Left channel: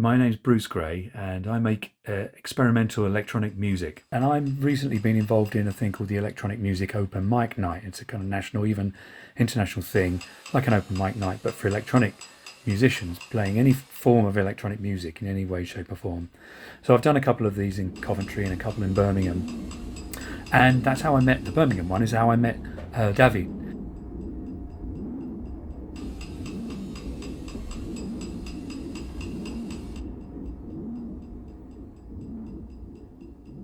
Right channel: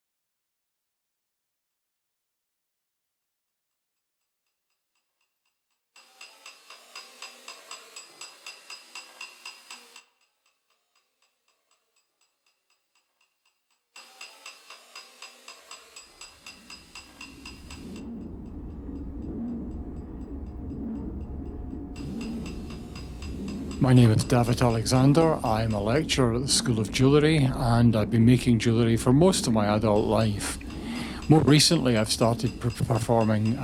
My name's Bruce Gray and I make experimental electronic music. And I've recently been involved in a thing called the Electronic Music Open Mic Night. It's a kind of national, even international thing, like an open mic night, but for electronic musicians playing any form of electronic music in any way, shape or form. So I've done a couple of these in Coventry and a couple in Birmingham. And that's how I met the Birmingham one, is how I met David. My name is David Alexander. I'm a lecturer at the School of Jewellery and I've been making jewellery for most of my adult life. More recently I've started performing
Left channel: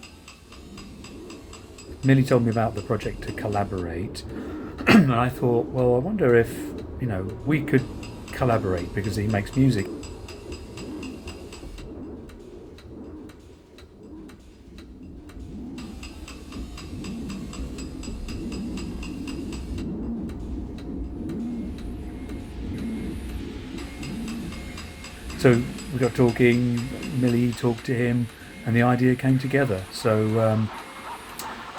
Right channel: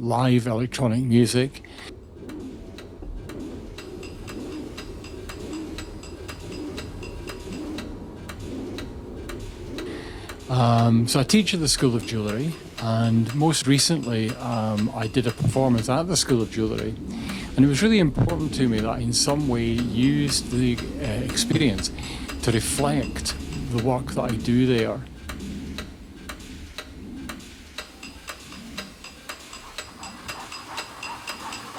live electronic music. Millie told me about the project to collaborate and I thought, well, I wonder if, we could collaborate because he makes music. So I teach at the School of Jewellery, and most recently I did a performance at the School of Jewellery, and it was really important to me that I in some way used the experience to reflect the work that I do there. So we got talking, Millie talked to him, and the idea came together. So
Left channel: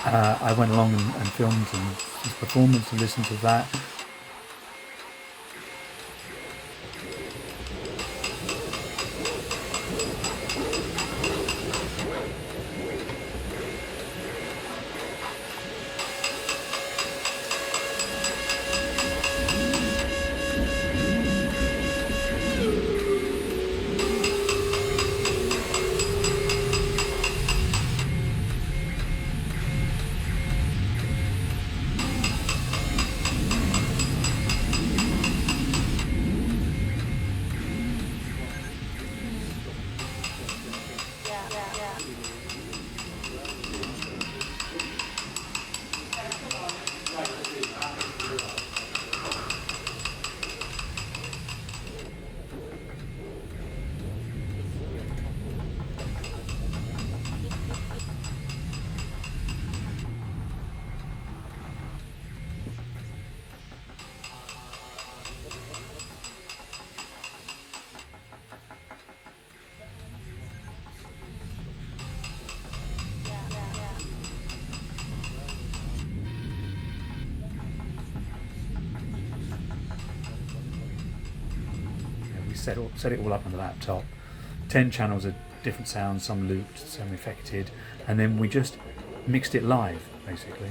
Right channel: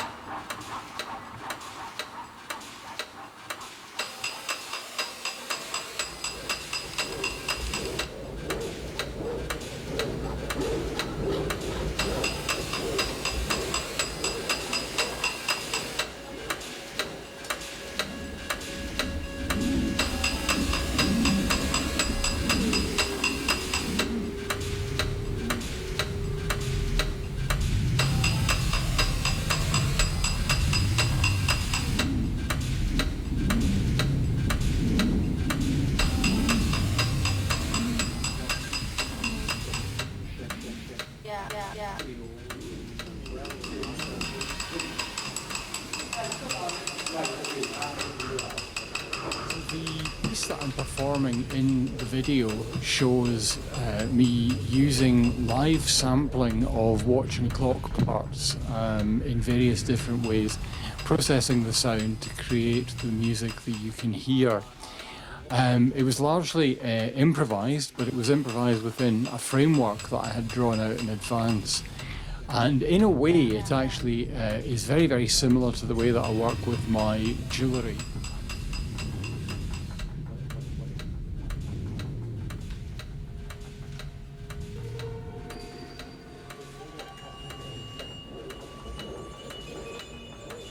I went along and filmed his performance and listened to that. The piece that I'm performing in the video shows me using live sampling of watch and clock parts in various different ways, processing the sound to create the music that you can hear. It was largely improvised, but it was improvised within a framework that I had drawn out in advance. And in a way, it actually is very, very similar to the way that I work with my jewellery. We set it all up on the laptop. 10 channels of different sounds, some looped, some affected, and then we just mixed it live, basically.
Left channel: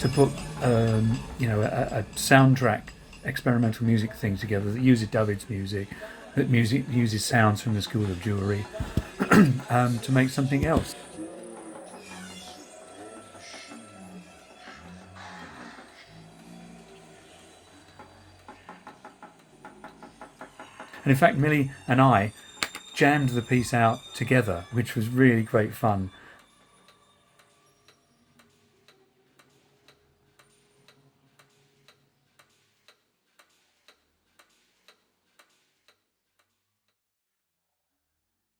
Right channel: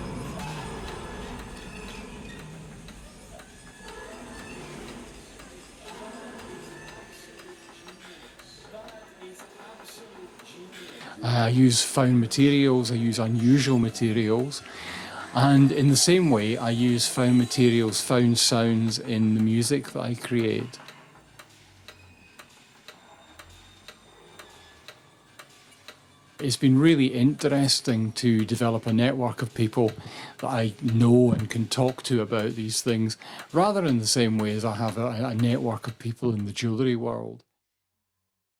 To put a soundtrack experimental music thing together that uses David's music, that uses sounds from the School of Jewellery, to make something else. I use found materials, I use unusual materials, and in the same way I use found materials, found sounds in the music that I create. And in fact, Millie and I jammed the piece out together, which was really great fun. It's been really interesting to develop a network of people that I know and can talk to about these things, rather in the same way as I have a network of people in the jewellery world.